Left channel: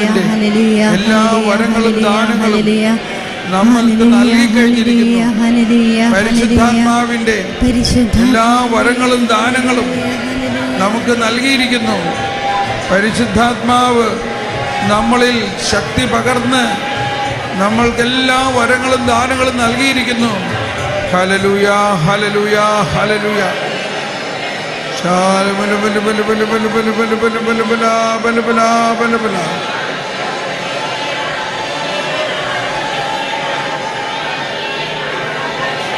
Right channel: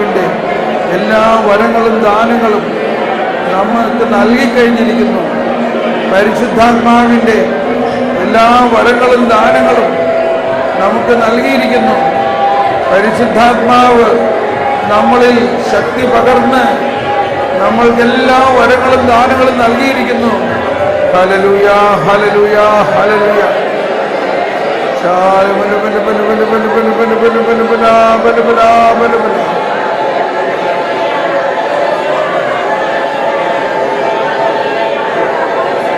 പരിശുദ്ധാത്മാവിന്റെ എല്ലാ വരങ്ങളും ദാനങ്ങളും നമ്മൾക്ക് നൽകിക്കഴിഞ്ഞിരിക്കുന്നു. പരിശുദ്ധാത്മാവിന്റെ എല്ലാ വരങ്ങളും ദാനങ്ങളും നമുക്ക് നൽകിയിരിക്കുന്നു. പരിശുദ്ധാത്മാവ് നമ്മളിൽ ശക്തി പകർന്ന് നമ്മൾക്കെല്ലാ വരങ്ങളും ദാനങ്ങളും നൽകിയിരിക്കുന്നു. Hallelujah, hallelujah, hallelujah.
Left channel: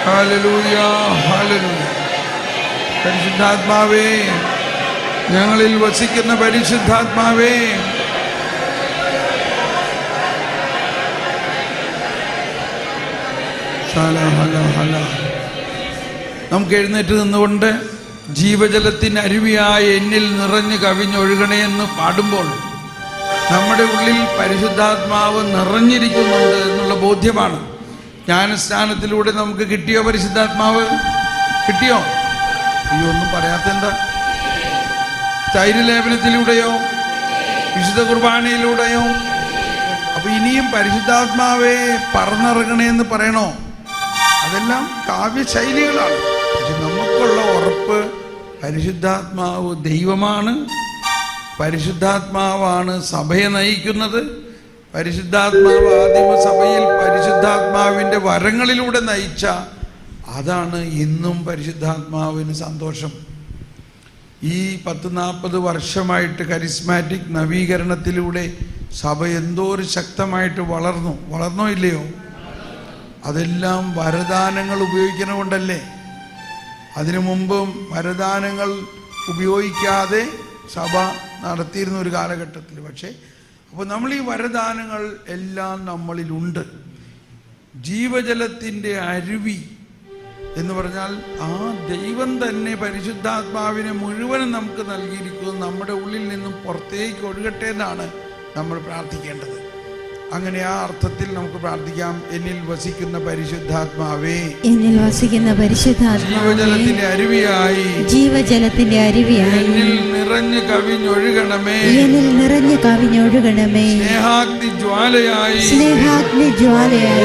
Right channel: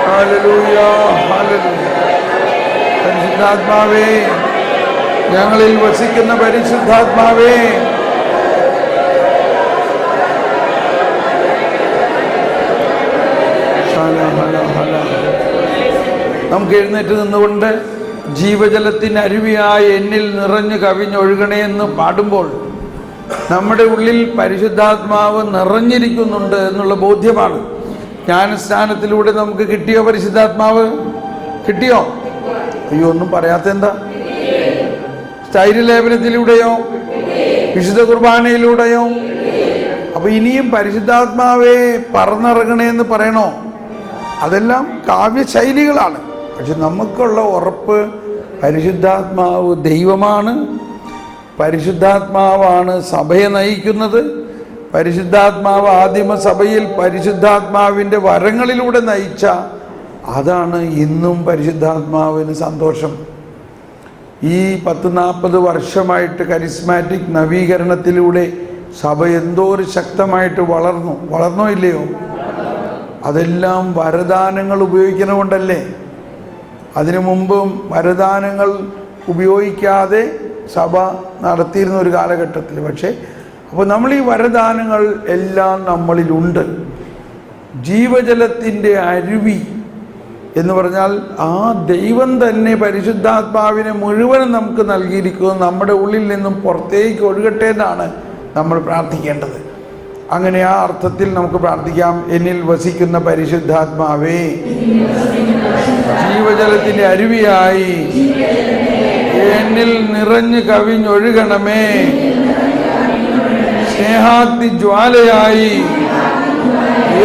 Hallelujah, hallelujah. പരിശുദ്ധാത്മാവേ, ഞങ്ങളിൽ വസിക്കുന്ന പരിശുദ്ധാത്മാവേ, നമുക്ക് എഴുന്നേറ്റ് നിന്നുകൊണ്ട് ജീവജലത്തിന് അരുവിയായ എന്നിൽ നിറഞ്ഞു കവിഞ്ഞൊഴുകണേ എന്ന് പാടുമ്പോൾ നമ്മുടെ ഉള്ളിൽ പരിശുദ്ധാത്മാവ് നിറഞ്ഞിരിക്കുന്നുണ്ട് എന്നുള്ള ബോധ്യമാണ്. ജ്ഞാനസ്നാനത്തിലൂടെ നമുക്ക് കിട്ടിയോ? പരിശുദ്ധാത്മാവ് കിട്ടിയോ? അയ്യോ, ഒന്നും പറയാത്തെന്താ? തൈലലേപനത്തിലൂടെയോ വിശുദ്ധ കുർബാനയിലൂടെയോ? അപ്പൊ ഇനിയും പരിശുദ്ധാത്മാവെ പറന്നിറങ്ങണേന്ന് പറയണോ? അതെല്ലാം കാവ്യശൈലികളാണ്. പക്ഷെ നമുക്കുള്ള ഉറപ്പ് പരിശുദ്ധാത്മാവ് ദൈവമാണ്. പരിശുദ്ധാത്മാവാണ് സഭയെ നയിക്കുന്നത്. പരിശുദ്ധാത്മാവ് ആദിമസഭയിൽ പരിശുദ്ധാത്മാവിൻ്റെ വരങ്ങളിലൂടെ നയിച്ച അതാണ് ഇന്നും പരിശുദ്ധാത്മാവിന് സന്തോഷം. ഈ 10-40 വർഷമായിട്ട് കരിസ്മാറ്റിക് നവീകരണത്തിലൂടെ സഭ എന്തോ ഒരു ശക്തമായിട്ട് വളർന്നോ ഇല്ലയോ? അതെല്ലാം വരദാനങ്ങൾ ഉപയോഗിക്കണമുണ്ടല്ലേ. അതിനു മുമ്പും വരദാനങ്ങൾ ഉപയോഗിക്കാതെ സഭ നടത്തിയിരുന്ന ഒരു കാലഘട്ടത്തിൽ. പക്ഷേ അപ്പോൾ നമ്മൾ ഈ വരദാനങ്ങൾ എല്ലാം നമ്മളിലുണ്ട്. ജീവജലത്തിൻ്റെ അരുവി എന്ന് പറഞ്ഞാൽ ആ ദൈവം തന്നെ പരിശുദ്ധാത്മാവിനെ മുഴുവനും നമുക്ക് നൽകിയിരിക്കുന്നത് നമ്മുടെ ഉള്ളിൽ നിന്നും പുറത്തേക്ക് ഒഴുകട്ടെ എന്നാണ് നമ്മൾ പ്രാർത്ഥിക്കേണ്ടത്. അങ്ങനെ ആ അർത്ഥത്തിൽ നമുക്ക് പ്രാർത്ഥിക്കാം. എന്നിൽ വസിക്കുന്ന പരിശുദ്ധാത്മാവേ, ജീവജലത്തിന്റെ അരുവിയായി എന്നിൽ നിറഞ്ഞു കവിഞ്ഞൊഴുകണമേ. സ്നേഹാഗ്നി ജ്വാലയായി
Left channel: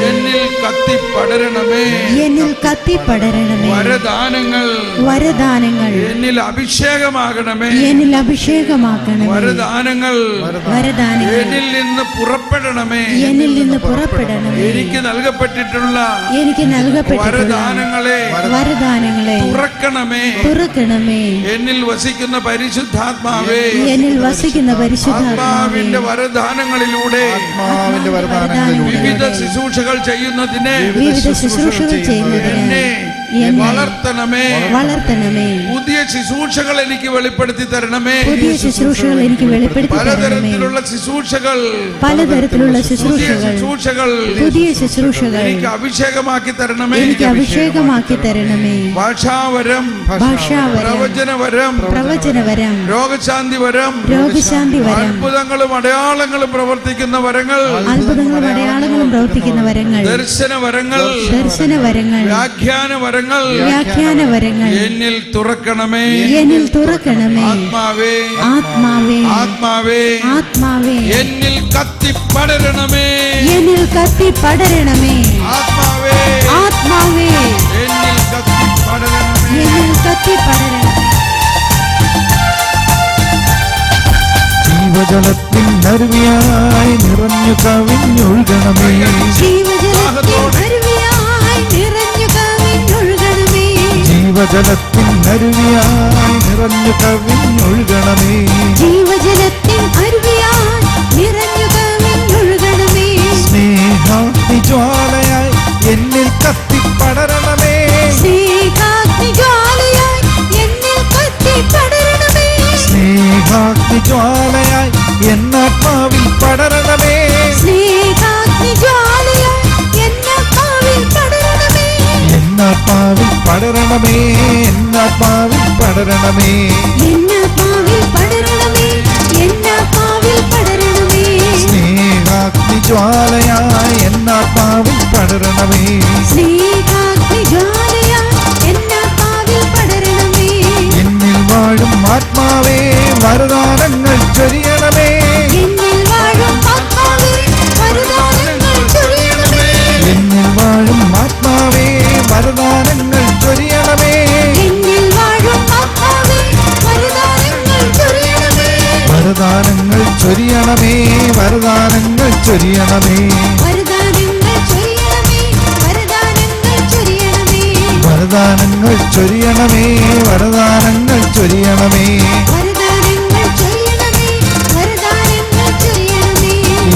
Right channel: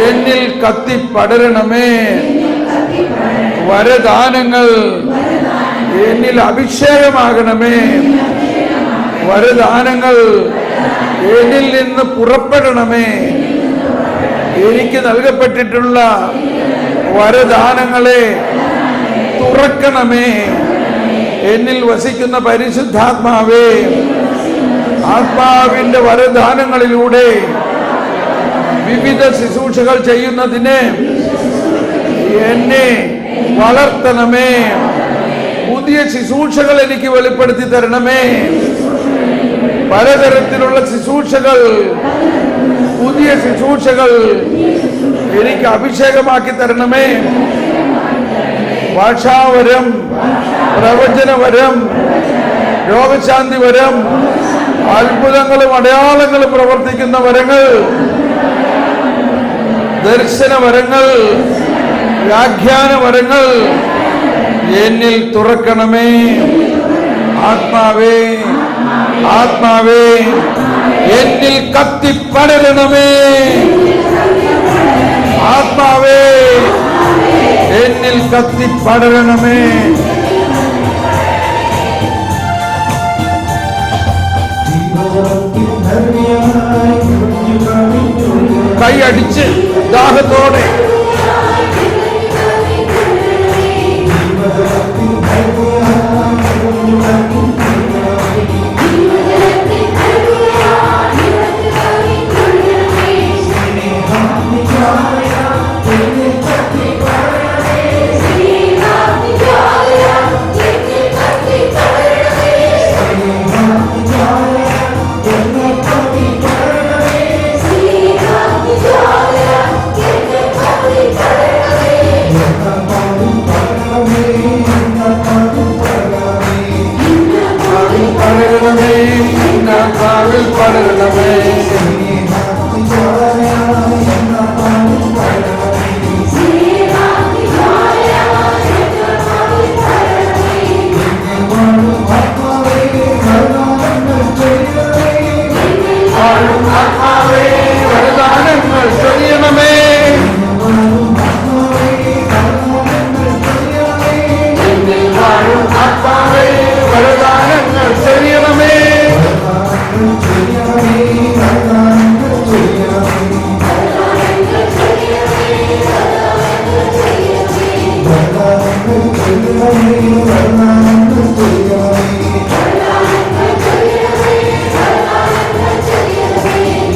എന്നിൽ കത്തിപ്പടരണമേ. വരദാനങ്ങൾ എന്നിൽ അഭിഷേകമാകണമേ. വരദാനങ്ങൾ എന്നിൽ നിന്ന് പുറപ്പെടണമേ. എനിക്ക് നൽകപ്പെട്ടിട്ടുള്ള വരദാനങ്ങളെ തുറക്കണമേ. എന്നിൽ വസിക്കുന്ന പരിശുദ്ധാത്മാവേ, ആത്മാവിന്റെ വരദാനങ്ങളിലൂടെ വിവിധ ശുശ്രൂഷകൾ ചെയ്യുന്നതിന് എന്നെ വളർത്തണമേ. പുതിയ ശുശ്രൂഷകൾ എനിക്ക് വെളിപ്പെടുത്തി തരണമേ. പലതരത്തിലുള്ള ശുശ്രൂഷകൾ, പുതിയ ശുശ്രൂഷകൾ എനിക്ക് അഭിഷേകമാക്കി തരണമേ. ഭാഷാവരം, പ്രവചനവരം, രോഗശാന്തി വരം, അത്ഭുതങ്ങളും അടയാളങ്ങളും പ്രവർത്തിക്കുന്ന വരങ്ങൾ, ദർശനവരങ്ങൾ, വ്യാഖ്യാനവരങ്ങൾ എന്നിൽ തുറക്കണമേ. ആത്മാവേ, ആത്മാവേ, എന്നിൽ കത്തിപ്പടരണമേ. ആത്മാവേ, എന്നിൽ കത്തിപ്പടരണമേ. കൈയടിച്ച് ദാഹത്തോടെ Yes. ചൊരിയണമേ, വരദാനങ്ങൾ ചൊരിയണമേ, വരദാനങ്ങൾ ചൊരിയണമേ, വരദാനങ്ങൾ ചൊരിയണമേ.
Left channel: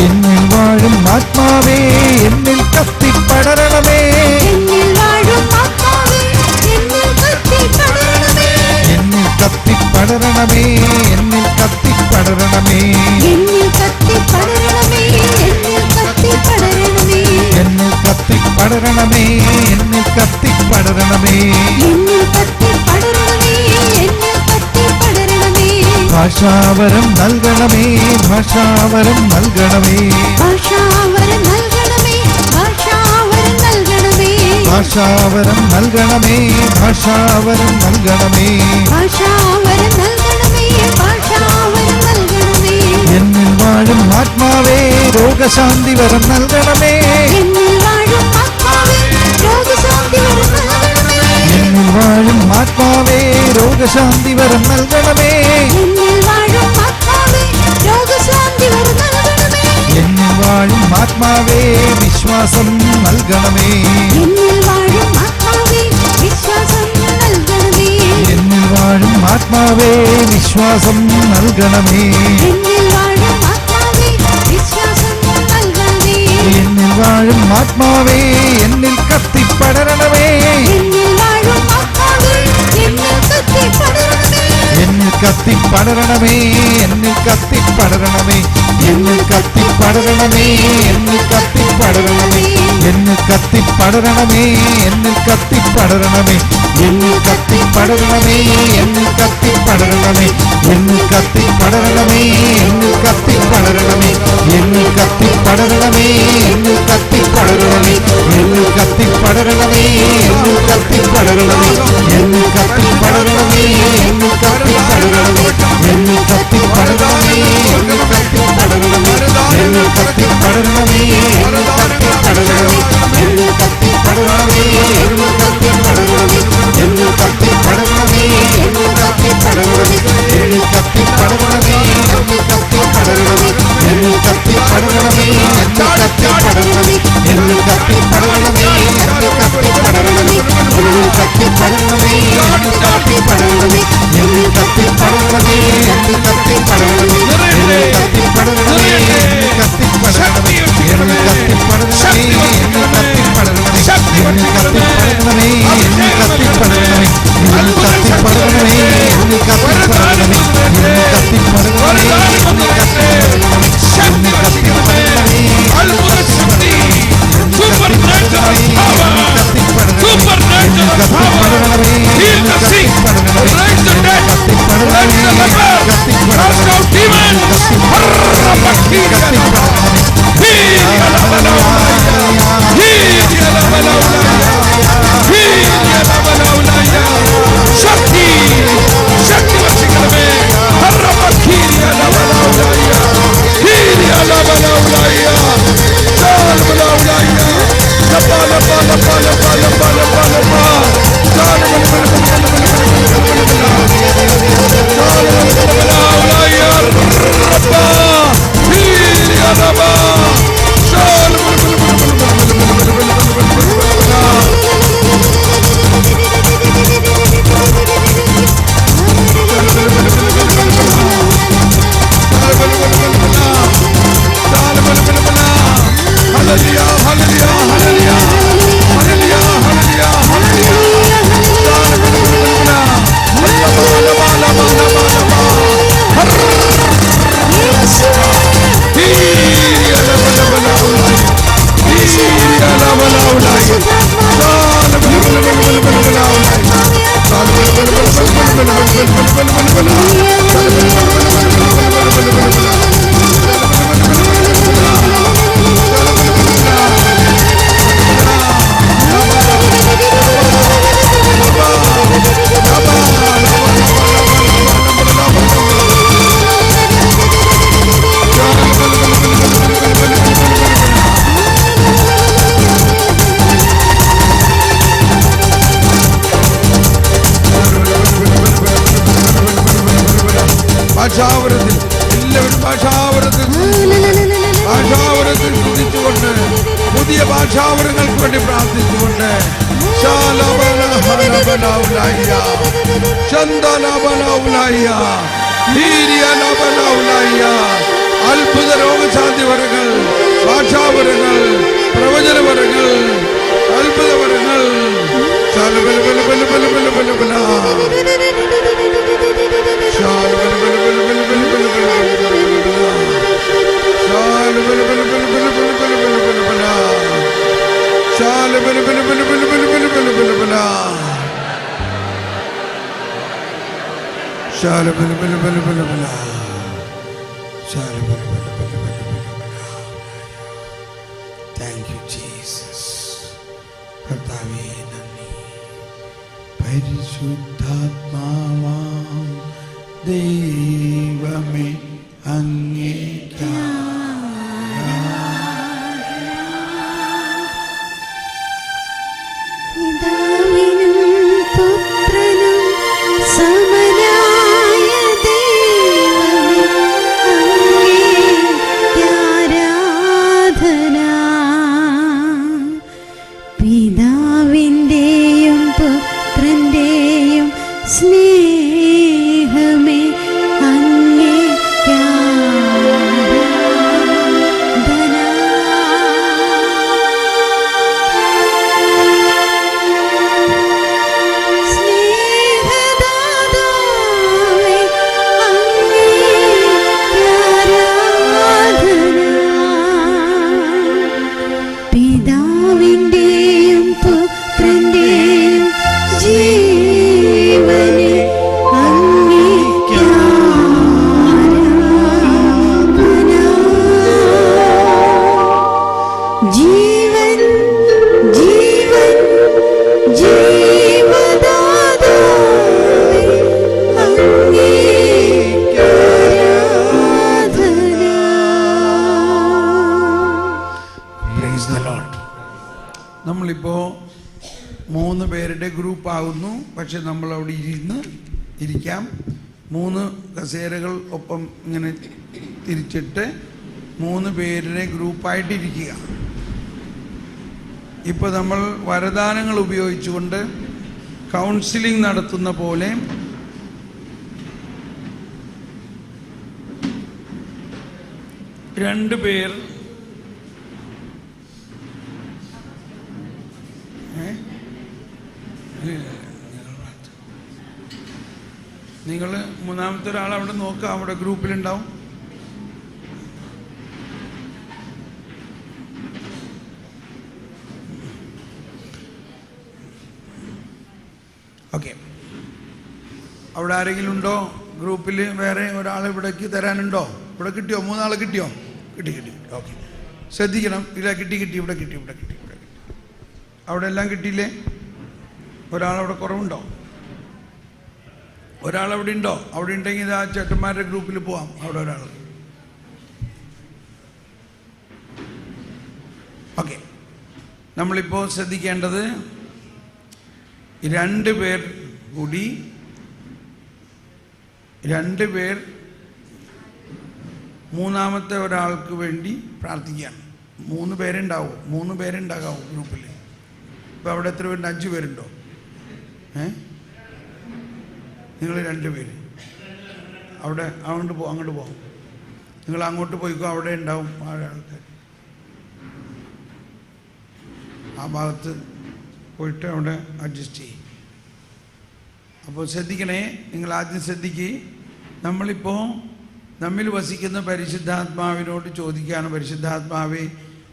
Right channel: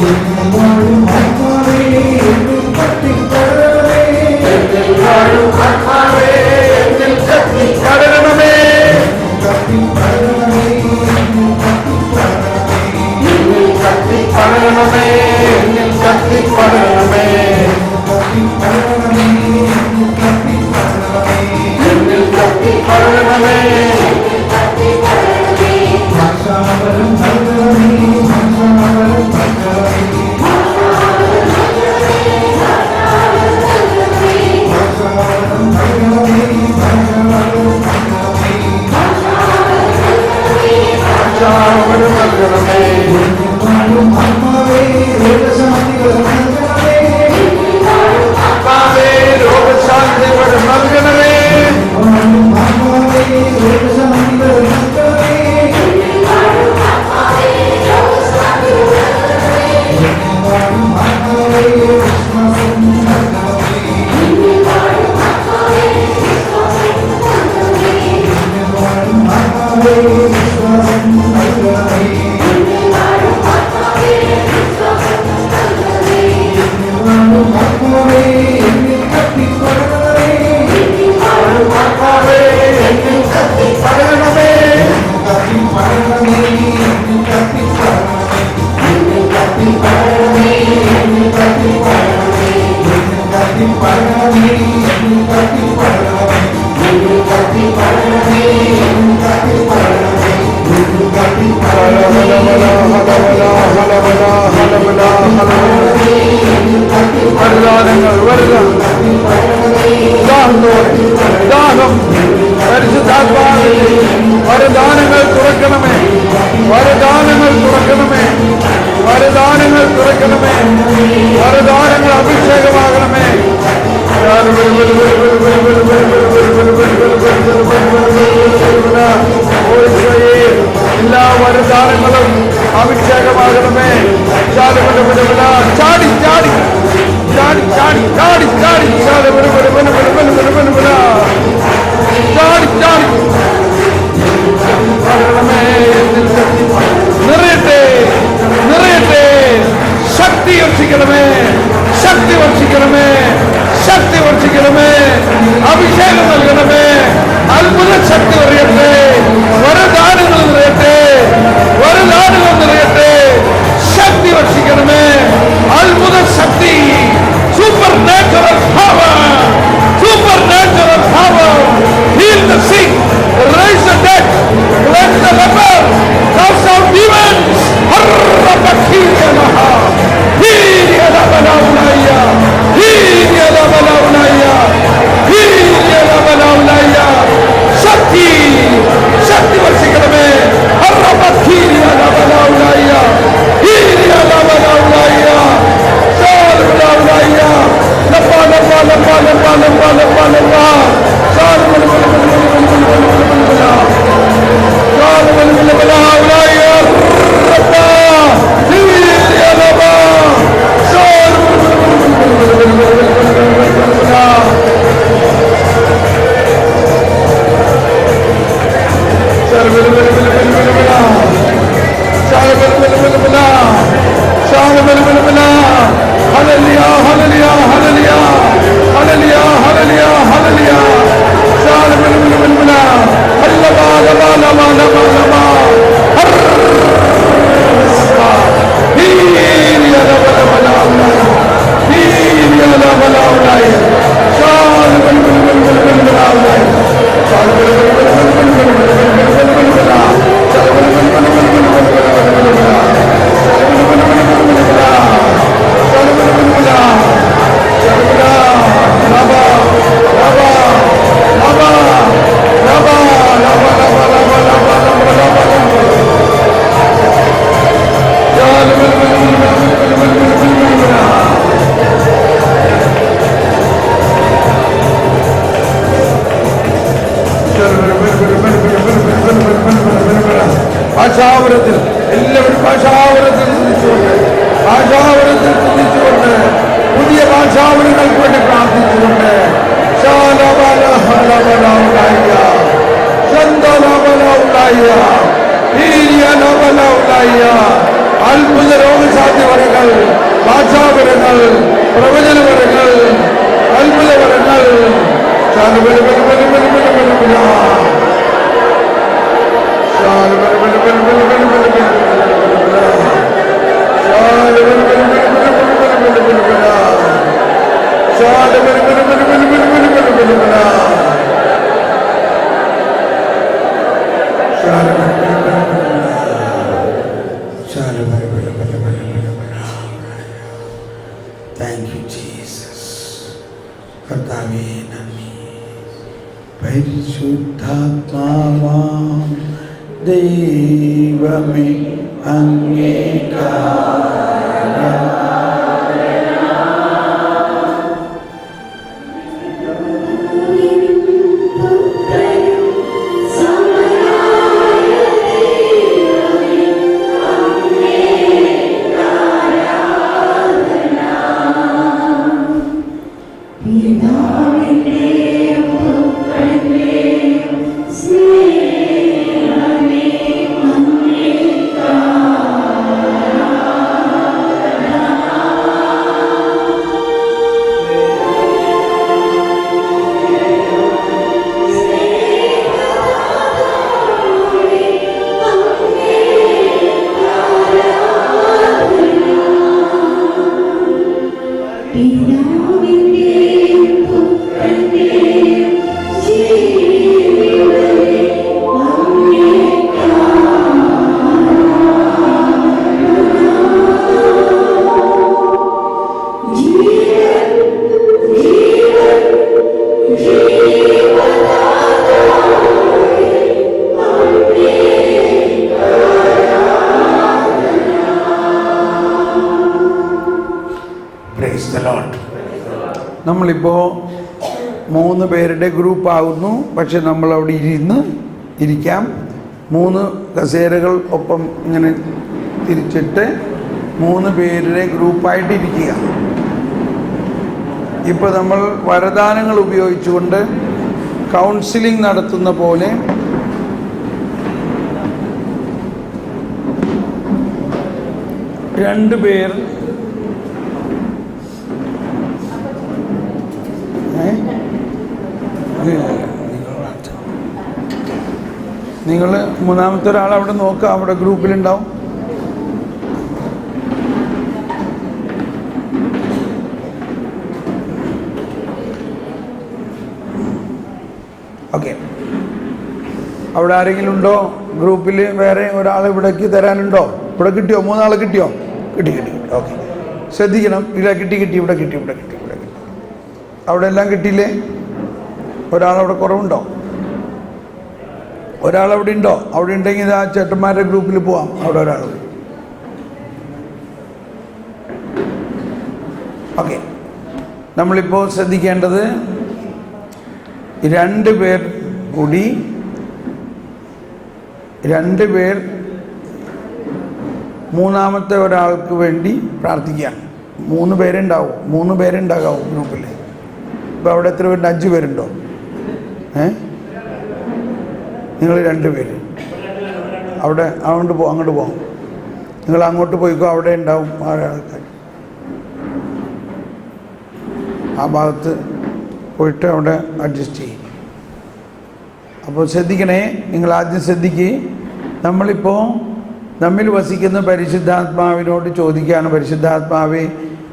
എന്നിൽ വാഴും ആത്മാവേ, എന്നിൽ കത്തിപ്പടരണമേ, എന്നിൽ കത്തിപ്പടരണമേ, എന്നിൽ കത്തിപ്പടരണമേ, എന്നിൽ കത്തിപ്പടരണമേ, എന്നിൽ കത്തിപ്പടരണമേ, എന്നിൽ കത്തിപ്പടരണമേ, എന്നിൽ കത്തിപ്പടരണമേ, എന്നിൽ കത്തിപ്പടരണമേ, എന്നിൽ കത്തിപ്പടരണമേ, എന്നിൽ കത്തിപ്പടരണമേ. ഭാഷാവരം നൽകണമേ, ഭാഷാവരം നൽകണമേ, ഭാഷാവരം നൽകണമേ, ഭാഷാവരം നൽകണമേ, എന്നിൽ വാഴും ആത്മാവേ, രോഗശാന്തി വരം നൽകണമേ, രോഗശാന്തി വരം നൽകണമേ, എന്നിൽ വാഴും ആത്മാവേ, രോഗശാന്തി വരം നൽകണമേ, എന്നിൽ വാഴും ആത്മാവേ, വിശ്വാസം നൽകണമേ, എന്നിൽ വാഴും ആത്മാവേ, വിശ്വാസം നൽകണമേ, എന്നിൽ വാഴും ആത്മാവേ, എന്നിൽ കത്തിപ്പടരണമേ, എന്നിൽ കത്തിപ്പടരണമേ, എന്നിൽ കത്തിപ്പടരണമേ, എന്നിൽ കത്തിപ്പടരണമേ, എന്നിൽ കത്തിപ്പടരണമേ, എന്നിൽ കത്തിപ്പടരണമേ, എന്നിൽ കത്തിപ്പടരണമേ, എന്നിൽ കത്തിപ്പടരണമേ, എന്നിൽ കത്തിപ്പടരണമേ, എന്നിൽ കത്തിപ്പടരണമേ, എന്നിൽ കത്തിപ്പടരണമേ, എന്നിൽ കത്തിപ്പടരണമേ, എന്നിൽ കത്തിപ്പടരണമേ, എന്നിൽ കത്തിപ്പടരണമേ, എന്നിൽ കത്തിപ്പടരണമേ, വരദാനങ്ങൾ തുറക്കണമേ, വരദാനങ്ങൾ തുറക്കണമേ, വരദാനങ്ങൾ തുറക്കണമേ, വരദാനങ്ങൾ അഭിഷേകമാകണമേ. എല്ലാ വരദാനങ്ങളും അഭിഷേകമാകണമേ. ചാടി ചാടി ചാടി ചാടി ചാടി ചാടി ചാടി ചാടി നിറയട്ടെ നിറയട്ടെ. ശക്തി വർഷിക്കണമേ, ശക്തി വർഷിക്കണമേ, ശക്തി വർഷിക്കണമേ, അഭിഷേകം നൽകണമേ, അത്ഭുത ശക്തി നിറയട്ടെ, വരദാനങ്ങൾ നിറയട്ടെ, വരദാനങ്ങൾ നിറയട്ടെ, ശക്തി വർഷിക്കണമേ, അത്ഭുത ശക്തി, supernatural power, supernatural power, heal the sick, raise the dead, cleanse the leper, cast out demons. അത്ഭുത രോഗസാധ്യവരങ്ങൾ, ഭാഷാവരങ്ങൾ, പ്രവചനവരങ്ങൾ, അത്ഭുതവരങ്ങൾ. Thank you, Jesus. കർത്താവേ നന്ദി. പരിശുദ്ധാത്മാവാം ദൈവമേ അങ്ങേക്കാ നമ്മളിപ്പോൾ 3 പേരുടെ ഗ്രൂപ്പാകുന്നു. പക്ഷെ നമ്മളവിടെ ഇരിക്കാം. 3 കസേരകൾ ഒപ്പം ഇങ്ങനെ തിരിച്ചിട്ട് 3 പേരുടെ ഗ്രൂപ്പായിട്ട് ഇരിക്കുക. ഇപ്പോൾ നമ്മൾ വരദാനങ്ങൾ ഉപയോഗിച്ചുകൊണ്ട് കൗൺസിലിംഗ് നടത്തുന്ന പോലെ രണ്ട് പേർ നിങ്ങൾ മൂന്നാമത്തെ ഒരാൾ അവിടെ നോക്കുക, അവിടെ ഗ്രൂപ്പിലുണ്ടാവും. ഓക്കെ, അവിടെ ആരെങ്കിലും ഉണ്ടോ ഗ്രൂപ്പിൽ? വേറെ ഒരാൾ ഇവിടേക്ക് തരാനുണ്ടോ? ഇവിടെ കിട്ടിയോ? 3 ആൾ കിട്ടിയോ? കിട്ടി. ഓക്കെ, ശ്രദ്ധിക്കണം. ഇവിടെ കിട്ടി. ഇവിടെ കിട്ടി. അവിടെ എല്ലാം കിട്ടിയില്ലേ? ഒരാളവിടെ കുറവുണ്ടോ? ഒരാളവിടെ ഉണ്ടോ? അവിടെ ഉണ്ടെങ്കിൽ ആ ചേട്ടന്മാരുടെ ഗ്രൂപ്പിൽ പോവാം. അവിടെ ഒരാൾ. ഓക്കെ, നമ്മളിപ്പോൾ ശ്രദ്ധിക്കേണ്ടത് 2 പേർ കൂടി 2 പേർ മൂന്നാമത്തെ ഒരാൾക്ക് വേണ്ടി പ്രാർത്ഥിക്കുകയാണ്. 3 പേരുണ്ടാവും. 3 പേരുണ്ടാകാവും ഗ്രൂപ്പിൽ. ഇപ്പോൾ അവിടെ എത്ര പേരുണ്ട്? 5 പേരുണ്ടോ? നിങ്ങൾ 2 പേര് അവിടെ അങ്ങോട്ട് പോകാം. നിങ്ങൾ അങ്ങോട്ട് പോയിക്കോ, അവിടെ ഉണ്ടാവും ആൾക്കാർ. ആ ഭാഗത്ത് പോയിട്ട് അവിടെ അഡ്ജസ്റ്റ് ചെയ്യും. അപ്പോൾ ശ്രദ്ധിക്കണേ, നിങ്ങൾ ആദ്യം ശ്രദ്ധിക്കുക. നമ്മളിപ്പോൾ നമ്മിൽ വസിക്കുന്ന പരിശുദ്ധാത്മാവിനോട് ചോദിക്കുകയാണ്, പരിശുദ്ധാത്മാവേ,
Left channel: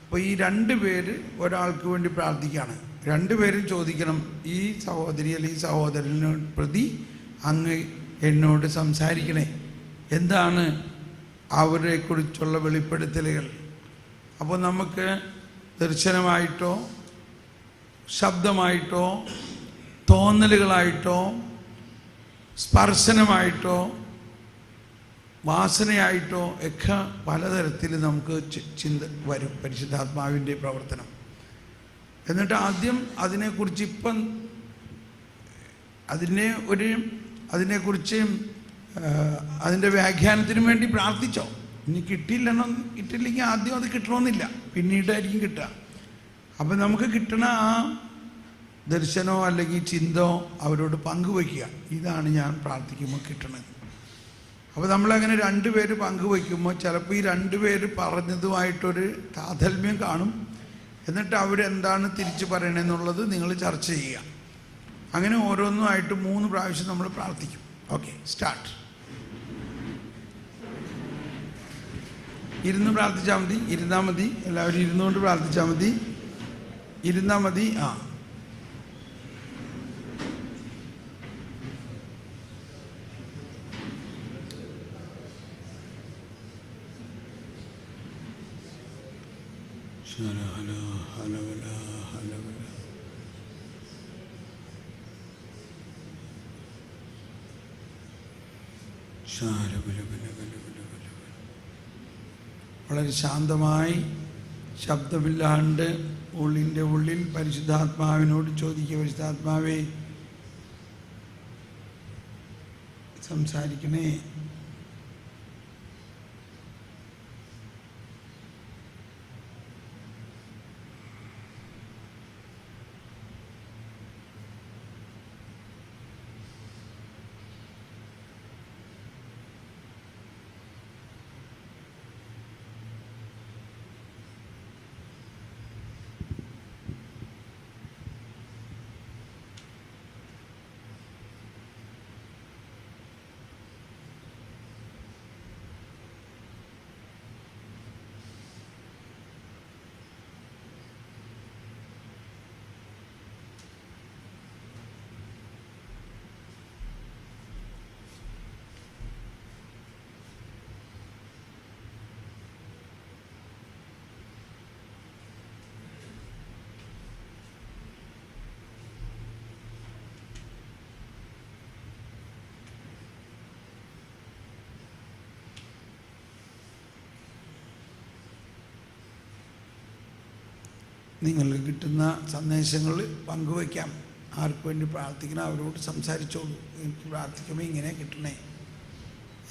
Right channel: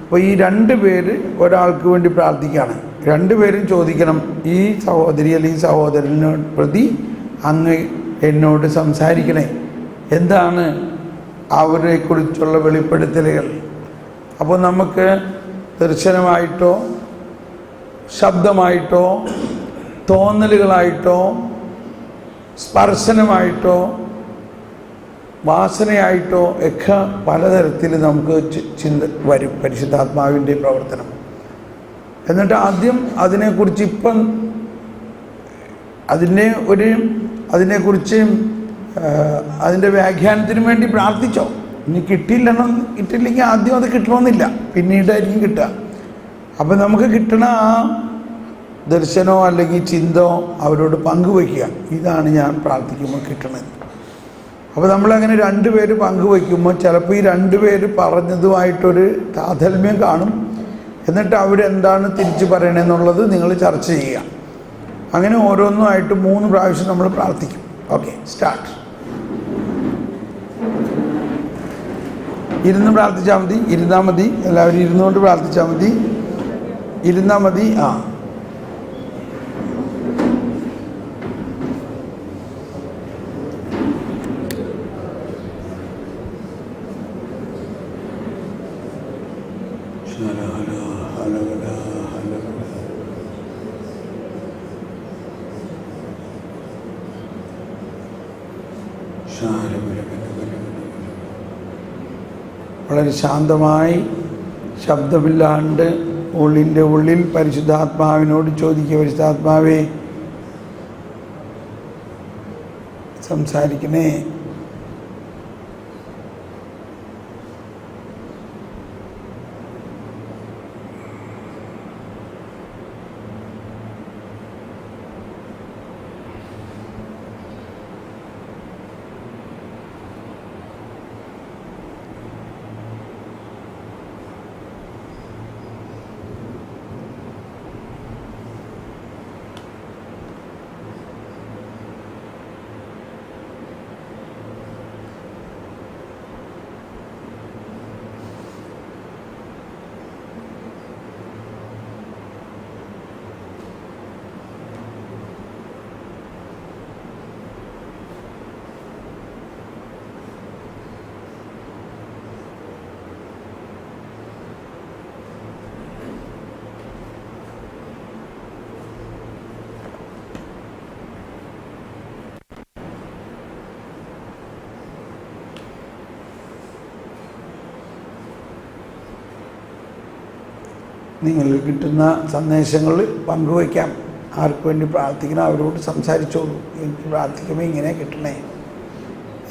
അപ്പോൾ ഈ 2 പേര് ഒരാൾക്ക് വേണ്ടി പ്രാർത്ഥിക്കുകയാണ്. 2 പേരും ചോദിക്കണം, ഈ സഹോദരി അല്ലെങ്കിൽ ഈ സഹോദരനെ പ്രതി അങ്ങ് എന്നോട് സംസാരിക്കണേ. എന്താണ് അവരെക്കുറിച്ചുള്ള വെളിപ്പെടുത്തലുകൾ? അപ്പോൾ നമുക്ക് ദർശനമായിട്ടോ ശബ്ദമായിട്ടോ തോന്നലുകളായിട്ടോ സ്പർശനമായിട്ടോ വാസനയായിട്ടോ ഒക്കെ പലതരത്തിൽ നമുക്ക് ചിന്ത വരും പരിശുദ്ധാത്മാവിൻ്റെ പ്രവർത്തനം. എന്നിട്ട് ആദ്യം അതിനെക്കുറിച്ച് ഇപ്പം അതിനെക്കുറിച്ച് അതിൻ്റെ വ്യാഖ്യാനത്തിന് വേണ്ടി പ്രാർത്ഥിച്ചോ. ഇനി കിട്ടില്ലെങ്കിൽ ആദ്യം അത് കിട്ടണമെന്നില്ല, പിന്നീടായിരിക്കും കിട്ടുക. അപ്പം നമുക്ക് കിട്ടണ ആ ദർശനമോ അല്ലെങ്കിൽ ചിന്തയോ അവരോട് പങ്കുവയ്ക്കുക. ഇതാണ് ഞാൻ പ്രാർത്ഥിക്കുമ്പോൾ കിട്ടണത്. അപ്പോൾ നമ്മളങ്ങനെ രണ്ടുപേര് പങ്കുവയ്ക്കുമ്പോൾ ചിലപ്പോൾ ഈ രണ്ടുപേര് പറഞ്ഞതുമായിട്ടൊരു താതാത്മ്യം കാണും. എന്നിട്ട് അവരെന്താണ് തിരിച്ചു പറയണമെന്നുള്ളത് നിങ്ങൾ ചർച്ച ചെയ്യുക. അങ്ങനെ ഓരോന്നുമായിട്ട് 3 പ്രാവശ്യം നമ്മൾ പ്രാർത്ഥിക്കും. Okay, start. ഇരുന്ന് പ്രാർത്ഥിച്ചാൽ മതി, ഇരുന്നാൽ മതി. എല്ലാവരും ഇരുന്നുകൊണ്ട് പ്രാർത്ഥിച്ചാൽ മതി, ഇരുന്നാൽ മതി. വളരെ ശാന്തമായി ശബ്ദമില്ലാണ്ട് ഉള്ളിൻ്റെ ഉള്ളിൽ പരിശുദ്ധാത്മാവിനോട് ചോദിക്കുക, പരിശുദ്ധാത്മാവേ സംസാരിക്കണേ. നിങ്ങൾക്ക് കിട്ടുന്ന സന്ദേശങ്ങൾ പങ്കുവയ്ക്കാം. ആർക്ക് വേണ്ടി പ്രാർത്ഥിക്കണം അവരോട് സംസാരിച്ചോളൂ. എനിക്ക് പ്രാർത്ഥിക്കുമ്പോൾ ഇങ്ങനെ കിട്ടണേ,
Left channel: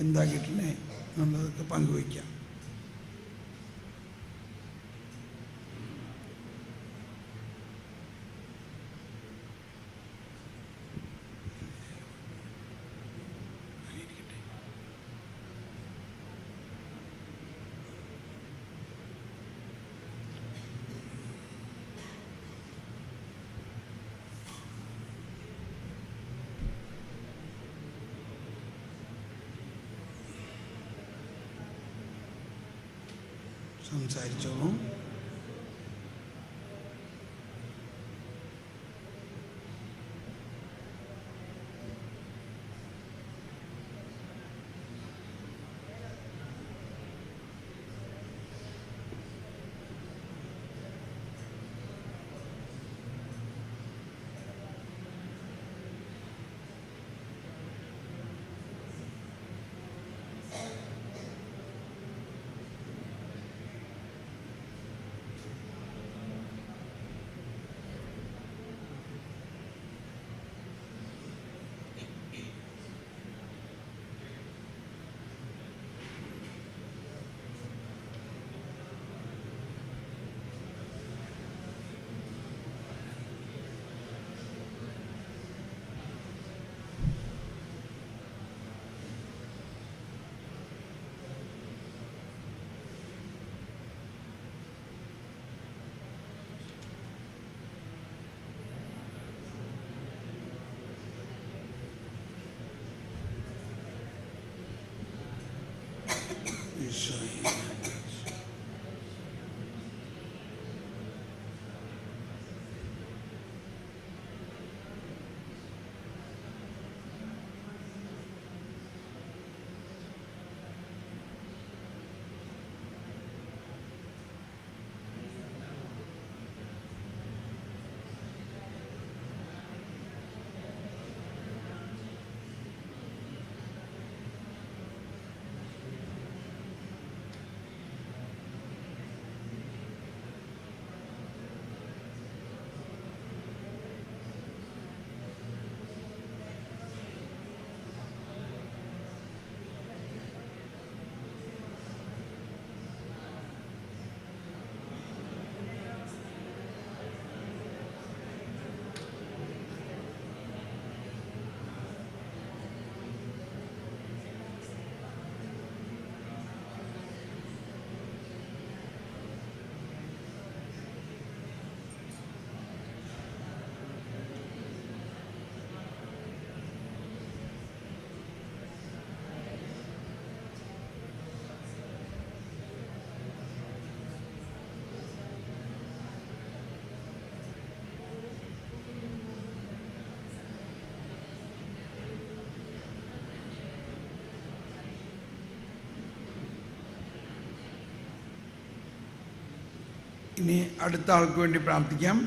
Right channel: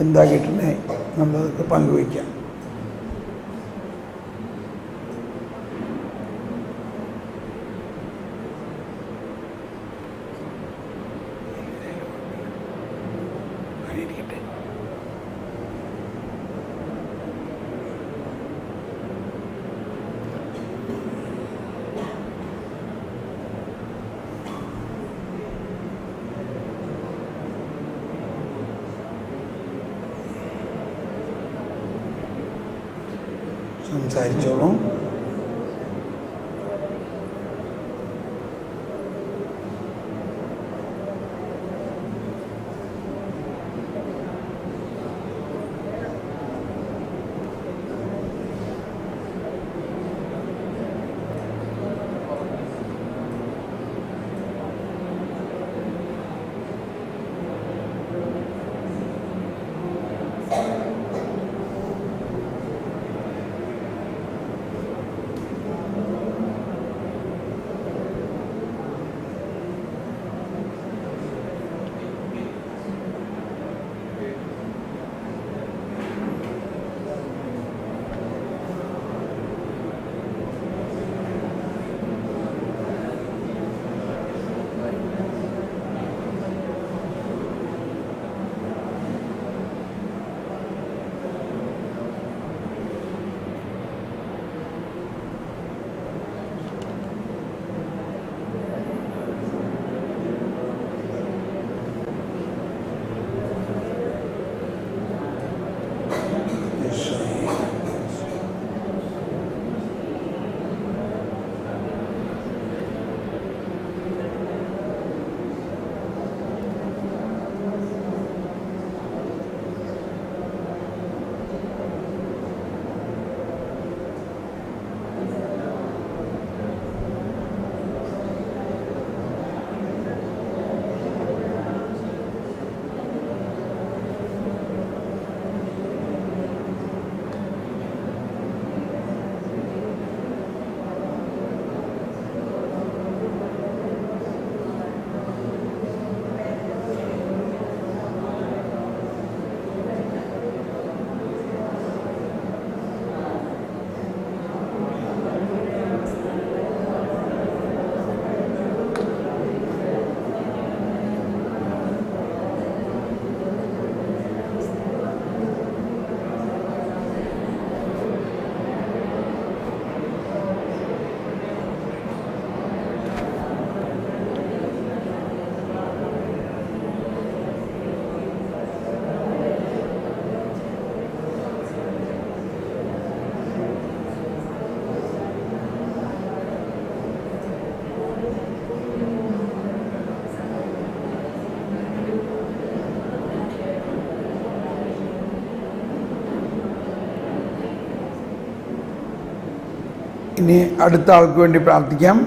എന്താ കിട്ടണേ എന്നുള്ളതൊക്കെ പങ്കുവയ്ക്കാം. സംസാരിച്ചോളൂ. ഇനി അടുത്ത ആൾക്ക് വേണ്ടി പ്രാർത്ഥിക്കാം.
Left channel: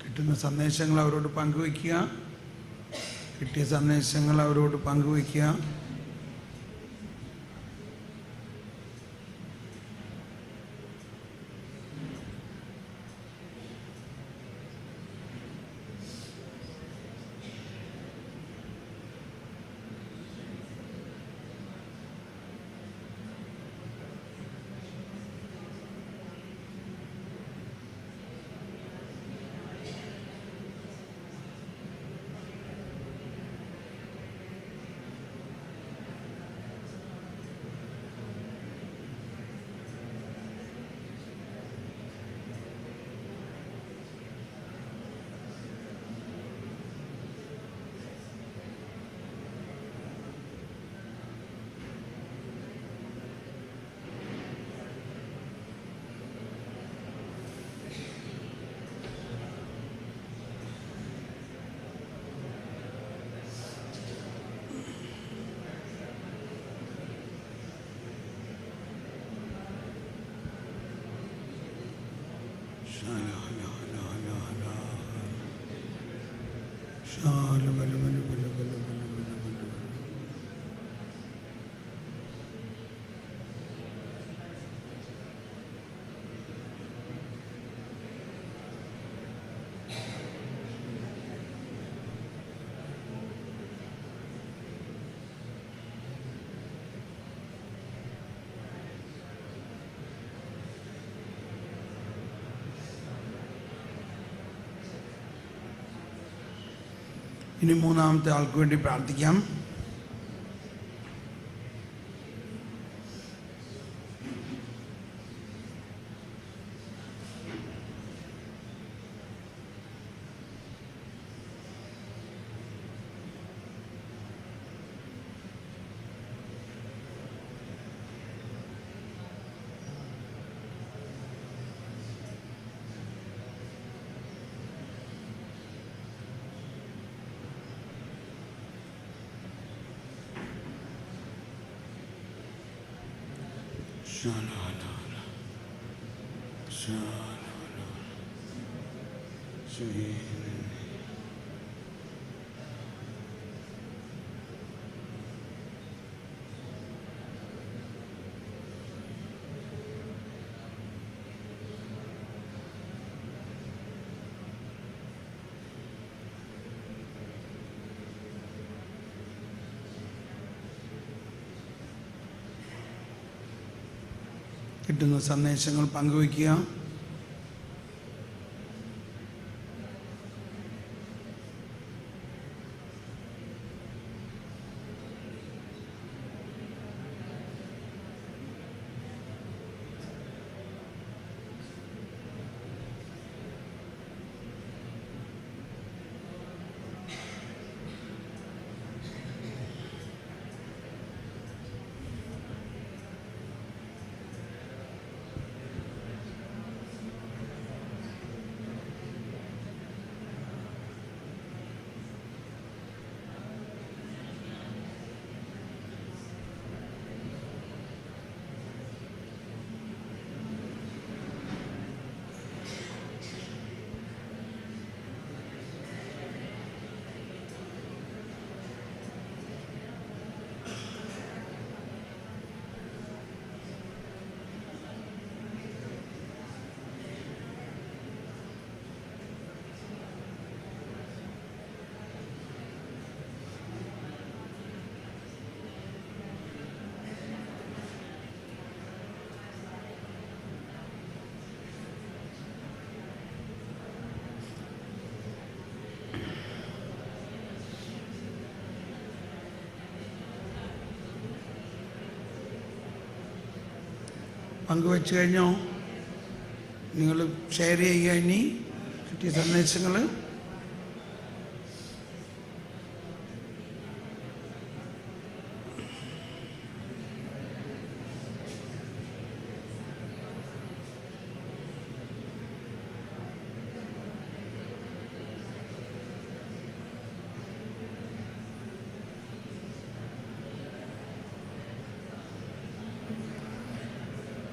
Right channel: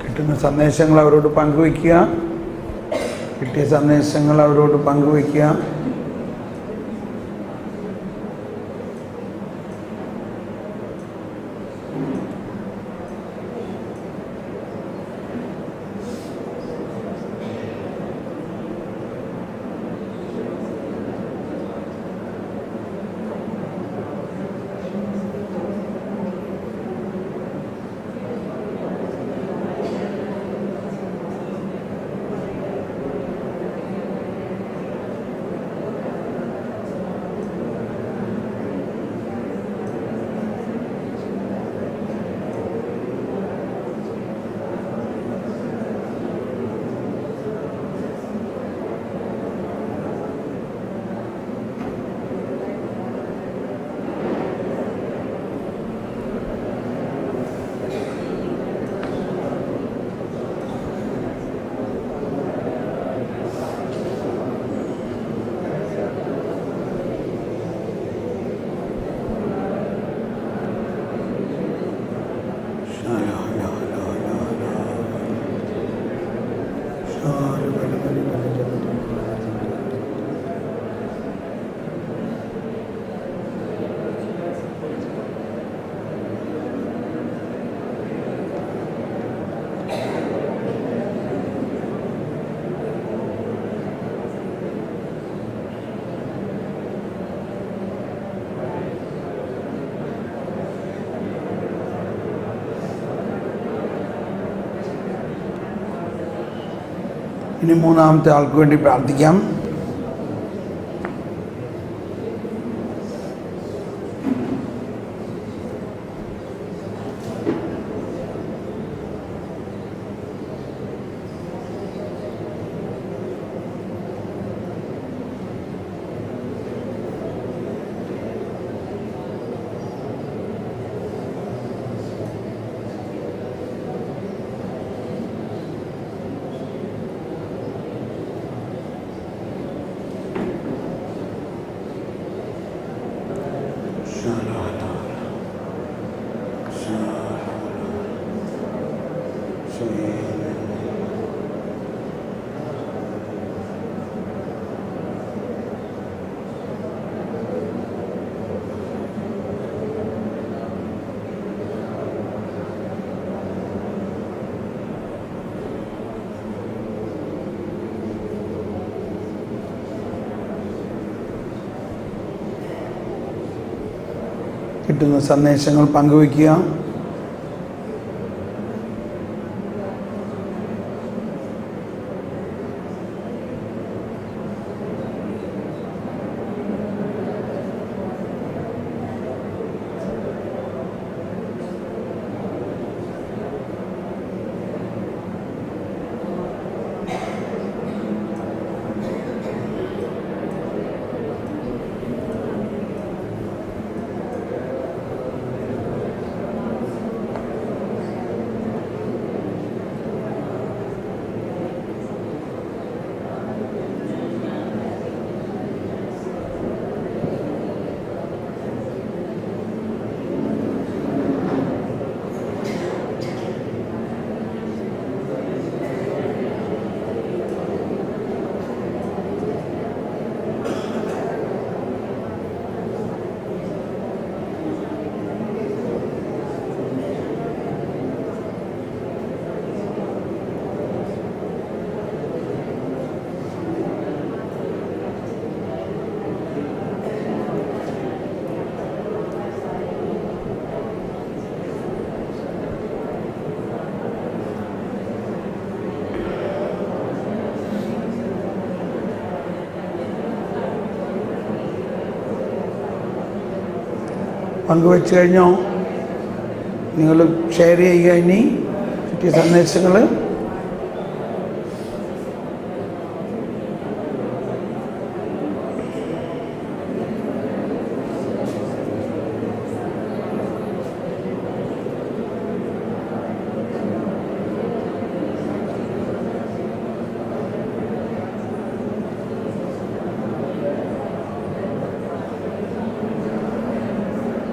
കിട്ടുന്ന സന്ദേശങ്ങൾ അവരോട് പങ്കുവയ്ക്കുക. കിട്ടിയ സന്ദേശങ്ങൾ അവരോട് പങ്കുവയ്ക്കുക. ഇനി മൂന്നാമത്തെ ആൾക്ക് വേണ്ടി പ്രാർത്ഥിക്കാം. കിട്ടുന്ന സന്ദേശങ്ങൾ പങ്കുവയ്ക്കുക. പങ്കുവെച്ച് കഴിഞ്ഞോ? നിങ്ങൾ ഷെയർ ചെയ്യുക. ഇനി കിട്ടിയ സന്ദേശങ്ങൾ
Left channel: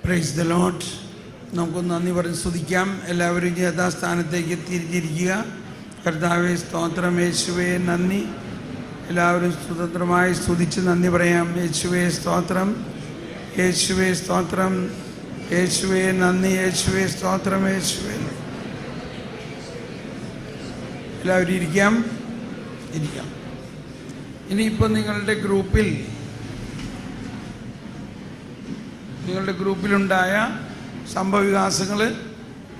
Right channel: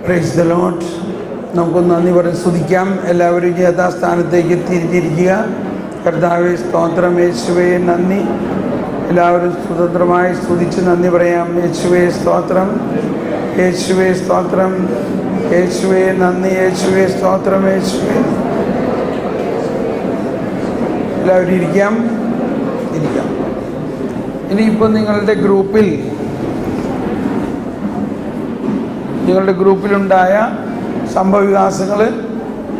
പ്രൈസ് ദ ലോർഡ്. നമുക്കൊന്ന് നന്ദി പറഞ്ഞ് സ്തുതിക്കാം. എല്ലാവരും യഥാസ്ഥാനത്തേക്ക് തിരിഞ്ഞിരിക്കുക. കർത്താവേ സ്തോത്രം, യേശുവേ നന്ദി. എല്ലാവരും സ്വതന്ത്രമായി സ്തുതിച്ച് നന്ദി പറയാം. യേശുവേ സ്തോത്രം, യേശുവേ സ്തോത്രം, യേശുവേ നന്ദി, യേശുവേ സ്തോത്രം, യേശുവേ. എല്ലാവരും ഇരിക്കാം. ഇനിയിപ്പോൾ നിങ്ങളുടെ ഗ്രൂപ്പിലുണ്ടായ സംഭവവികാസങ്ങൾ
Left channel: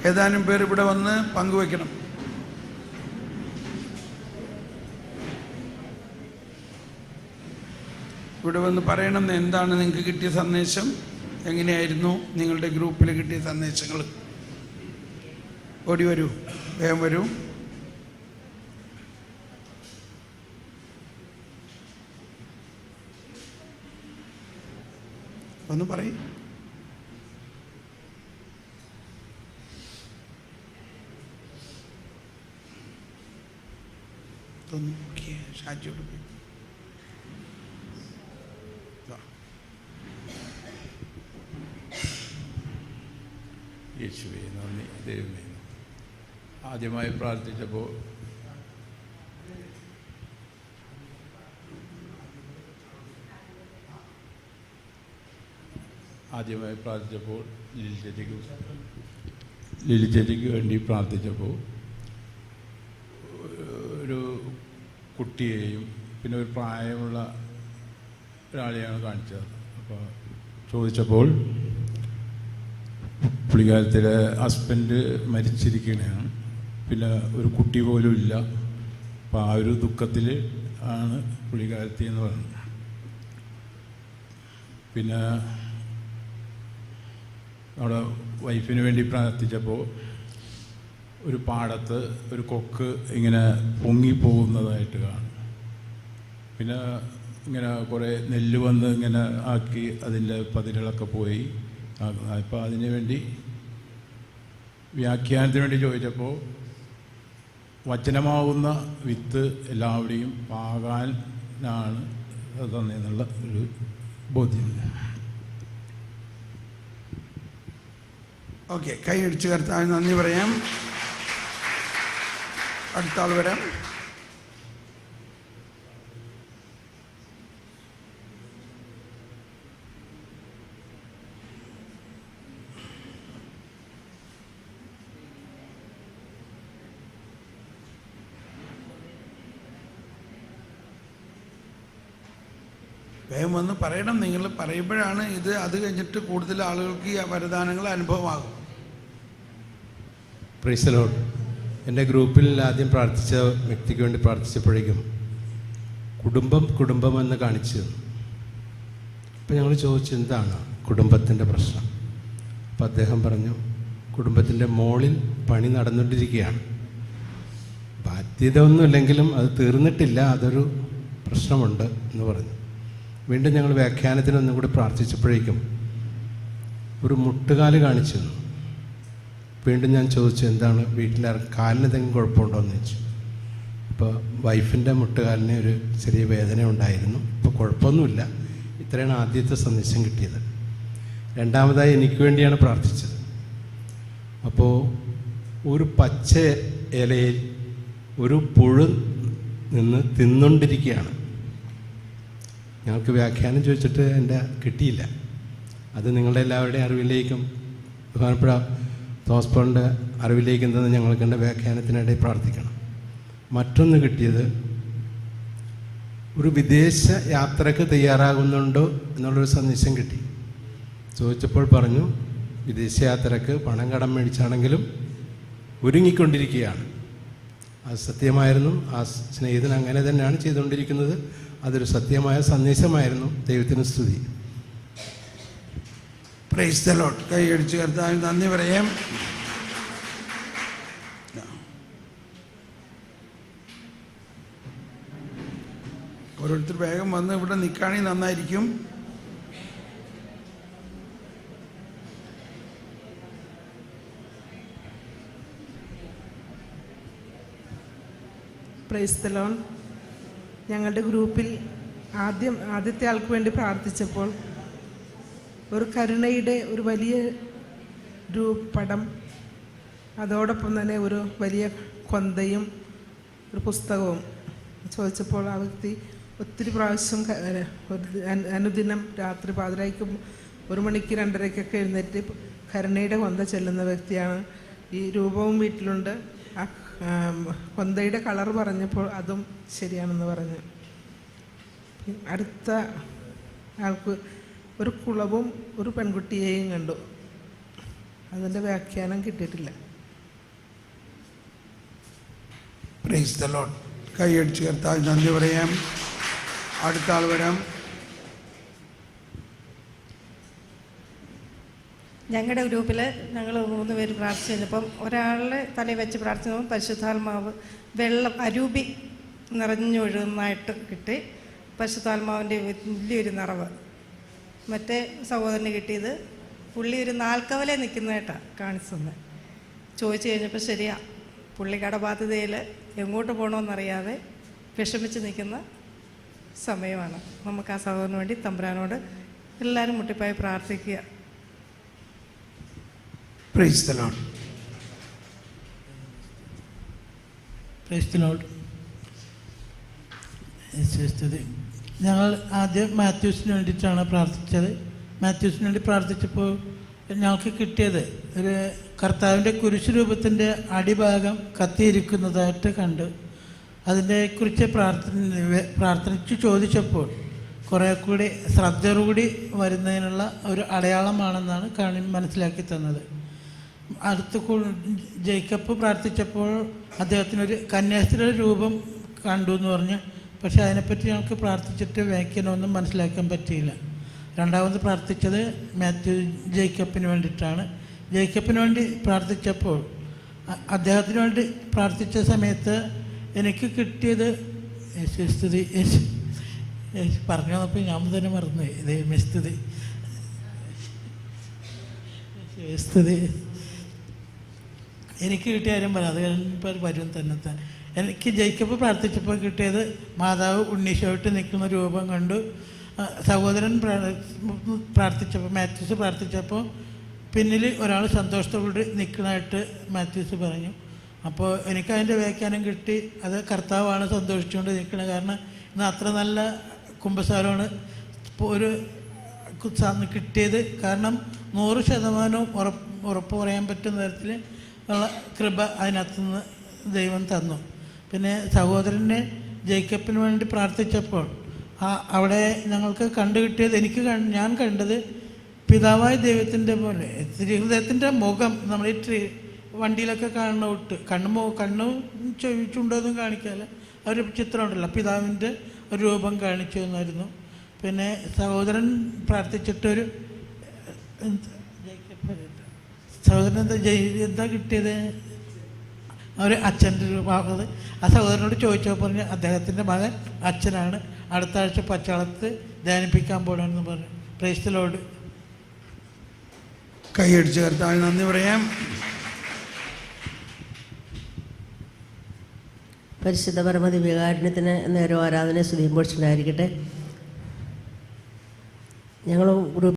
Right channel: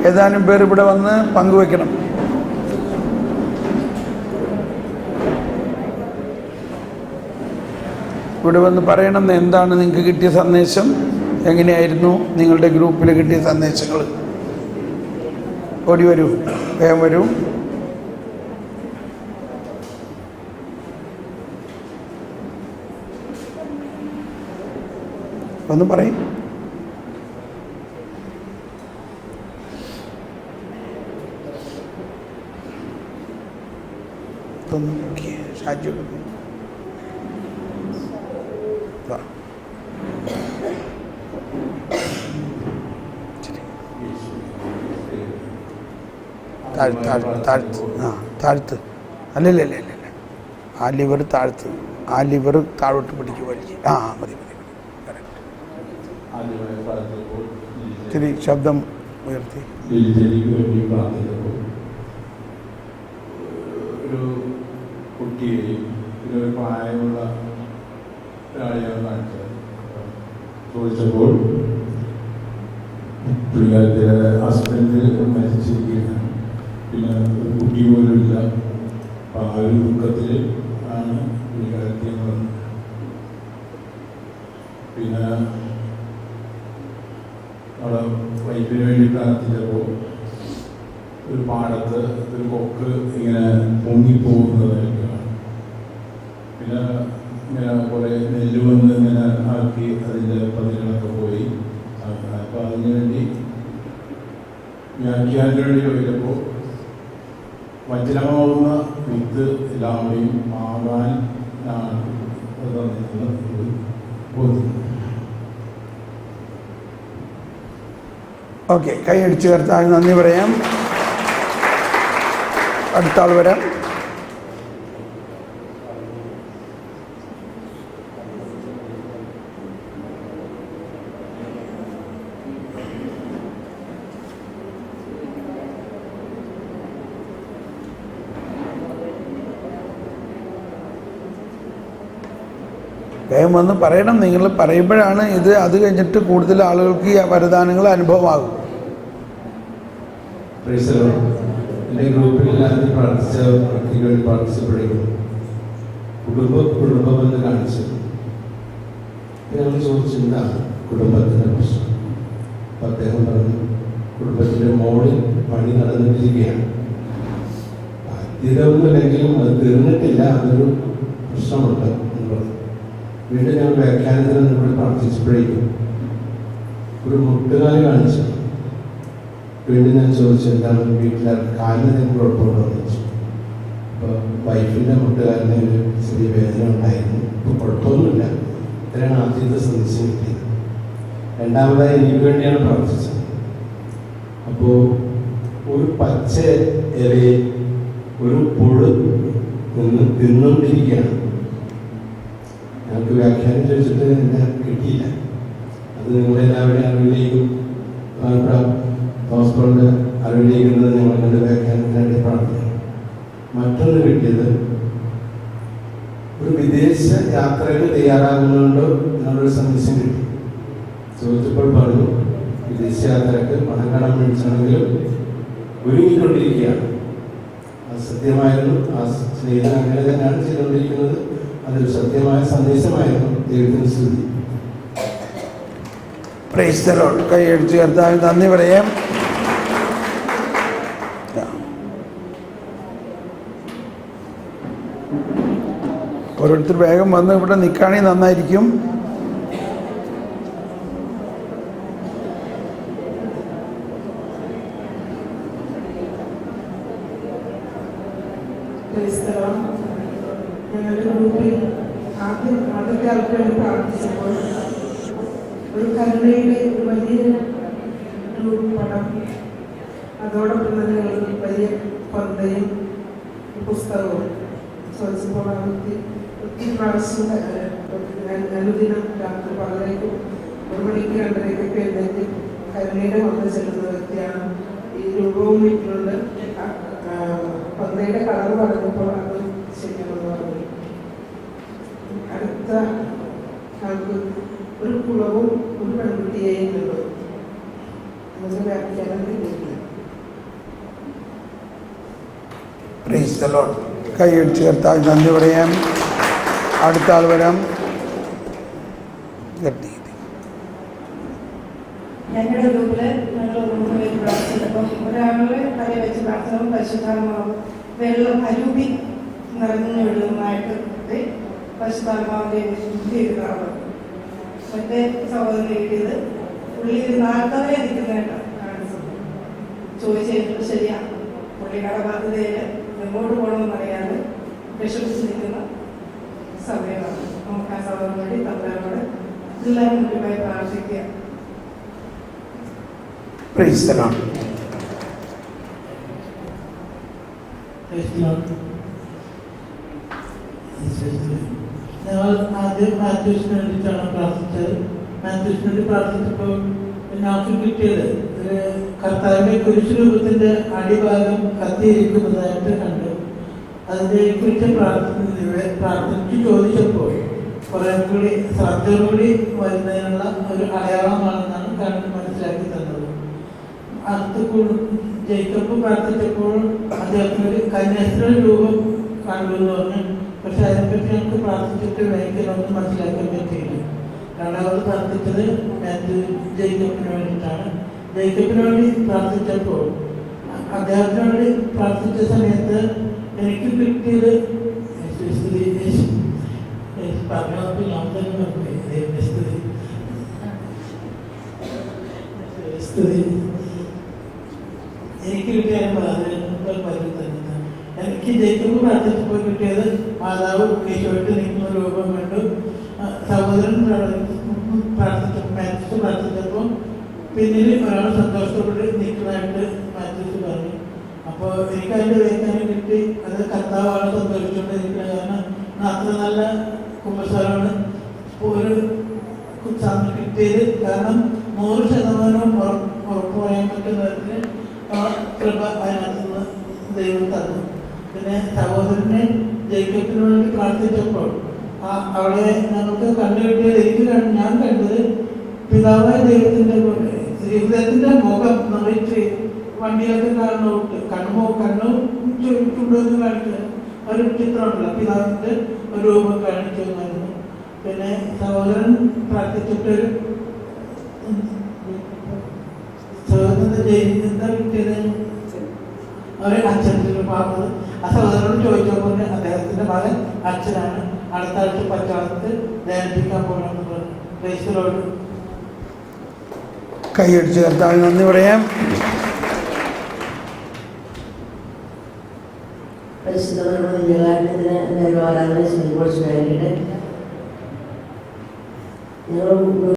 ഏതാനും പേർ ഇവിടെ വന്ന് പങ്കുവെക്കണം. ഇവിടെ വന്ന് പറയണം എന്താണ് നിങ്ങൾക്ക് കിട്ടിയ സന്ദേശം, എങ്ങനെയായിരുന്നു നിങ്ങളുടെ ഗ്രൂപ്പിൽ കിട്ടിയ സന്ദേശങ്ങൾ. ഓടി വരൂ, വേഗം വരൂ. ഒന്ന് പറയും. ഷാജു താഴ്ത്ത്. അല്ലല്ലേ, ആ ലിവർ താഴ്ത്ത്. ആ ലിവർ താഴോട്ട് പിടിക്കുക, വലിയ. മതി. ഇത്തിരി ശബ്ദം ഉയർത്തി. ലിലിജലിക്ക് വേണ്ടി പ്രാർത്ഥിച്ചപ്പോൾ ഒരു കുട്ടിയെയും പിന്നെ ഒരു പ്രായമുള്ള ഒരാളെയാണ് കാണിച്ചത്. ചോദിച്ചപ്പോൾ പുള്ളിക്കാലത്തിലെ ഹസ്ബൻഡ് മരിച്ചിരിക്കുകയാണ്, പിന്നെ ഒരു കുട്ടി പോലും ഇല്ല. അപ്പം ആ ഒരു ദുഃഖത്തിൽ ആണ് പുള്ളിക്കാലത്തി എന്ന് പറഞ്ഞു. പിന്നെ അവിടെ വൈഫിന് വേണ്ടി പ്രാർത്ഥിച്ചപ്പോൾ ഒരു പാടത്ത് ഒരു കൊക്ക് ഇങ്ങനെ പൊങ്ങിപ്പോകുന്നതായിട്ട് കാണും. പിന്നെ ഇങ്ങനെ കുറേ നെല്ല് വന്ന് ഇങ്ങനെ ആക്കി അതിൻ്റെ പതിരുകളൊക്കെ പോയി. അപ്പോൾ അതിനു വേണ്ടി വ്യാഖ്യാനത്തിന് വേണ്ടി ചോദിച്ചപ്പോൾ വജ്രമാവുന്ന വിത്ത് എല്ലാവരുടെയും ആകാനാണ് അതെന്നുള്ള ഒരു ബോധ്യം. ഓക്കെ, കൈ അടിച്ചു കർത്താവിന് നന്ദി പറയാം. അടുത്ത ആൾ വരാം. വേഗം വന്ന് പറയണം. നിങ്ങൾ പറയുമ്പോഴാണ് ഇത് അത് കഴിഞ്ഞിട്ട് കൂടുതൽ ആളുകൾക്ക് ഈ വരദാനങ്ങൾ അനുഭവമാകും. എൻ്റെ ഗ്രൂപ്പിൽ ആദ്യം പ്രാർത്ഥിച്ച വ്യക്തിക്ക് വേണ്ടി പ്രാർത്ഥിച്ചപ്പോഴേക്കും കുടുംബം എന്ന് കാണിച്ചു. അപ്പം ഞങ്ങൾ ചോദിച്ചു എന്താണ് കുടുംബത്തിൻ്റെ പ്രശ്നം. അപ്പം അദ്ദേഹം പറഞ്ഞു കുടുംബത്തിൻ്റെ മോളിൽ പണി നടന്നുകൊണ്ടിരിക്കുകയാണ്. ബാധ്യത ഒന്നുമില്ലെങ്കിലും അത് തീർന്നിട്ടില്ല, അതൊരു പ്രശ്നമുണ്ട് എന്ന് പറഞ്ഞു. വീണ്ടും ഞങ്ങൾ വ്യാഖ്യാനത്തിന് ഒന്നും കൂടി പ്രാർത്ഥിച്ചപ്പോഴേക്കും ഒരു മുട്ടുകാല് കാണിച്ചു. വീണ്ടും ഞാൻ ചോദിച്ചു എന്താണ് വീട്ടിലെ കാലിന് എന്തെങ്കിലും കുഴപ്പമുണ്ടോ എന്ന് ചോദിച്ചു. അപ്പോൾ വൈഫിൻ്റെ മുട്ടുകാലിന് ഒരു ചെറിയ വേദന ഉണ്ടായിരുന്നു, ഇപ്പോൾ കുഴപ്പമൊന്നുമില്ല. ഇത്രയാണ് ആദ്യത്തെ സന്ദേശം കിട്ടിയത്. രണ്ടാമതായി എനിക്ക് വേണ്ടിയാണ് പ്രാർത്ഥിച്ചത്. അപ്പോൾ ഒരു പച്ച ഇലയിൽ ഒരു പുഴു നിന്ന് തിന്നുകൊണ്ടിരിക്കുകയാണ്. ഞങ്ങൾക്ക് വ്യാഖ്യാനം ചോദിച്ചിട്ട് എൻ്റെ കിട്ടിയില്ല. അത് നിങ്ങളെല്ലാവരുടെയും അറിവിലേക്കും ബഹുമാനപ്പെട്ട തോമസ് അറിവിലേക്ക് എന്നത് ഞങ്ങളെ കണ്ട് വ്യാഖ്യാനത്തിനായിട്ട് പ്രാർത്ഥിക്കണം. മറ്റൊന്ന് കിട്ടിയത് ഒരു വിദേശ യാത്രക്ക് തയ്യാറാകുന്നുണ്ടോ എന്നുള്ളൊരു സന്ദേശം കിട്ടി. ചോദിച്ചപ്പോൾ പറഞ്ഞു വിദേശ യാത്രക്ക് പണം കടം മേടിച്ചാണെങ്കിലും ഒരുങ്ങിക്കൊണ്ടിരിക്കുകയാണ്. അത് സത്യമായിരുന്നു. ആ സ്നേഹിതൻ അങ്ങനെ തന്നെയാണ് ചെയ്തുകൊണ്ടിരിക്കുന്നത്. അതൊരു സത്യമായ സന്ദേശമായിരുന്നു. ദൈവത്തിന് സ്തുതി. Praise the Lord. കൈ അടിച്ച് കർത്താവിന് നന്ദി പറയാം. ഓരോരുത്തർ വേഗം വന്ന് ഇവിടെ നിൽക്കുകയാണെങ്കിൽ നന്നായിരിക്കും. ഞങ്ങളുടെ ഗ്രൂപ്പിൽ ആദ്യത്തെ ആൾക്ക് വേണ്ടി പ്രാർത്ഥിച്ചപ്പോൾ ഒരു കരുണയുടെ ഒരു വലിയ ഒരു പടം, അതോടൊപ്പം തന്നെ ഒരു വലിയ കൊന്തയും പുസ്തകവും ചോദിച്ചപ്പോൾ ആ വ്യക്തി ഒത്തിരി പ്രാവശ്യം അനുദിനം രാത്രി 12 1 മണിക്ക് 2:30 എഴുന്നേറ്റ് കരുണയുടെ കൊന്ത ചെല്ലുന്ന വ്യക്തിയാണ്. ഈ രൂപവും വീട്ടിലുണ്ട്. കൊന്തയുടെ കളർ പറഞ്ഞപ്പോൾ അതും ശരിയാണെന്ന് പറഞ്ഞു. അടുത്ത ആൾക്ക് ഒരു കുളവും ഒരു പെൺകുട്ടിയെയും കണ്ടു. അതിൻ്റെ വ്യാഖ്യാനം കിട്ടിയിട്ടില്ല. Praise the Lord. കൈ അടിച്ച് കർത്താവിന് നന്ദി പറയാം. അടുത്ത ആൾ വരാം. ഞങ്ങളുടെ ഗ്രൂപ്പിൽ ഞങ്ങൾ 3 പേര് പ്രാർത്ഥിച്ചപ്പം ഒരാളുടെ തലയിൽ വെച്ച് പ്രാർത്ഥിച്ചപ്പോൾ പരിശുദ്ധാത്മാവ് വെള്ളം അരൂപി നിറഞ്ഞു വീഴുന്നതായിട്ട് കിട്ടി. പരിശുദ്ധാത്മാവിൻ്റെ വലിയൊരു നിറവ്. മറ്റേ സഹോദരന് കിട്ടിയത് പുള്ളി ഒരു 4 കവലെ നിൽക്കുന്നതായിട്ടാണ് കാണിച്ചത്. ചോദിച്ചു കഴിഞ്ഞപ്പോൾ ശരിയാ, പുള്ളി കടബാധ്യതയിൽ എങ്ങോട്ട് പോകണമെന്നറിയാതെ വിഷമിച്ച് നിൽക്കുന്ന സമയമാണ്. നമുക്ക് ആ സഹോദരന് വേണ്ടി തമ്പുരാനോട് എല്ലാവരും മുന്നിപ്പായി പ്രാർത്ഥിക്കുക. Praise the Lord. ഞങ്ങൾ ആദ്യം മാത്യൂസിന് വേണ്ടിയിട്ടാണ് പ്രാർത്ഥിച്ചത്. മാത്യൂസിന് വേണ്ടി പ്രാർത്ഥിച്ചപ്പോൾ ഞങ്ങൾക്ക് കിട്ടിയത് ഒരു കർത്താവിൻ്റെ കുരിശ് രൂപത്തിൻ്റെ അടിഭാഗം കത്തിയിരിക്കുന്നതായിട്ട് കണ്ടു. അതിനെ കുറിച്ച് പ്രാർത്ഥിച്ച് ചോദിച്ചപ്പോൾ കുറേ കൂടി ശ്രദ്ധയോടുകൂടി വരുന്നതിനുള്ള ഒരു അടയാളമാണെന്നാണ് കണ്ണിൽ മനസ്സിലാക്കി തന്നത്. അടുത്ത് ജയിക്കപ്പ് പ്രാർത്ഥിച്ചപ്പോൾ അദ്ദേഹത്തിനൊരു കന്യാസ്ത്രീ രൂപം കണ്ടു എന്ന് പറഞ്ഞു. പക്ഷെ അതിനെപ്പറ്റി ഞങ്ങൾക്ക് പ്രാർത്ഥിച്ചിട്ട് വ്യാഖ്യാനമൊന്നും മനസ്സിലാക്കാൻ പറ്റിയില്ല. രണ്ടാമത് പ്രാർത്ഥിച്ചത് ജേക്കബിന് വേണ്ടിയിട്ടാണ്. ജേക്കബിന് വേണ്ടി പ്രാർത്ഥിച്ചപ്പോൾ അദ്ദേഹത്തിന് വേണ്ടി പ്രാർത്ഥിച്ച സമയത്ത് എനിക്ക് കിട്ടിയത് യേശു പറഞ്ഞപ്പോൾ ഞാൻ തന്നെ പറഞ്ഞു സ്തുതി എനിക്ക് കിട്ടിയ കാര്യം പറയാം തന്നെ. എനിക്ക് ജയിക്കബ് പ്രാർത്ഥിച്ചപ്പോൾ കിട്ടിയത് മാതാവ് ഉണ്ണീശോയിട്ട് നിൽക്കുന്ന രൂപം കണ്ടു. സഹോദരൻ പ്രാർത്ഥിച്ചപ്പോൾ മാത്യൂസ് പ്രാർത്ഥിച്ചപ്പോൾ പിന്നിൽ ഒരാൾ സന്തോഷത്തോടെ നിൽക്കുന്നതായിട്ട് മാത്യൂസ് പറഞ്ഞു. അപ്പോൾ എനിക്ക് അതിൻ്റെ വ്യാഖ്യാനം കിട്ടി. അത് കർത്താവാണ് സന്തോഷിച്ചുകൊണ്ട് നിൽക്കുന്നത്. കാരണം അത്ര നല്ല കുമ്പസാരമാണ് ഒരു കിട്ടിയത്. കാരണം 100% ഉറപ്പ് പറയാൻ പറ്റുന്ന തരത്തിൽ ആ കൃപ അതിനകത്തുനിന്ന് ദൈവം തന്നു. പിന്നെ സഹോദരനെ ജേക്കബിന് വേണ്ടി പ്രാർത്ഥിച്ചപ്പോൾ അവിടെ ഞങ്ങൾക്ക് കണ്ടുകിട്ടിയത് ഞാൻ കണ്ടത് പിതാവായ ദൈവത്തിൻ്റെ ഹൃദയത്തിൻ്റെ മുഖം നമ്മൾ വണ്ടിയിലൊക്കെ കാണുന്നോട്ട് കണ്ണും ചുണ്ടൊന്നും കാണിക്കാറ് ഒരു ചിത്രമുണ്ടല്ലോ, പിതാവിൻ്റെ ഒരു രൂപം കാണിച്ചു എന്നായിരുന്നു. പിന്നെ സഹോദരൻ പ്രാർത്ഥിച്ചിട്ടൊരു സഹോദരൻ എന്താ കിട്ടിയത്, ഒരു അച്ഛൻ്റെ രൂപമാകുന്നത്. ആ സഹോദരനോട് ചോദിച്ചപ്പോൾ അദ്ദേഹത്തിൻ്റെ മകൻ അച്ഛനാണ്, അടുത്ത ആഴ്ച പച്ചാളത്ത് ധ്യാനിപ്പിക്കാൻ പോകണമെന്ന് പറഞ്ഞു. Praise the Lord. കൈയടിച്ച് കർത്താവിന് നന്ദി പറയാം. പരിശുദ്ധ പരമതി വികാരണത്തിന് എന്നൊരു ആരാധന ശുഭീകരിക്കട്ടെ. ഞങ്ങളും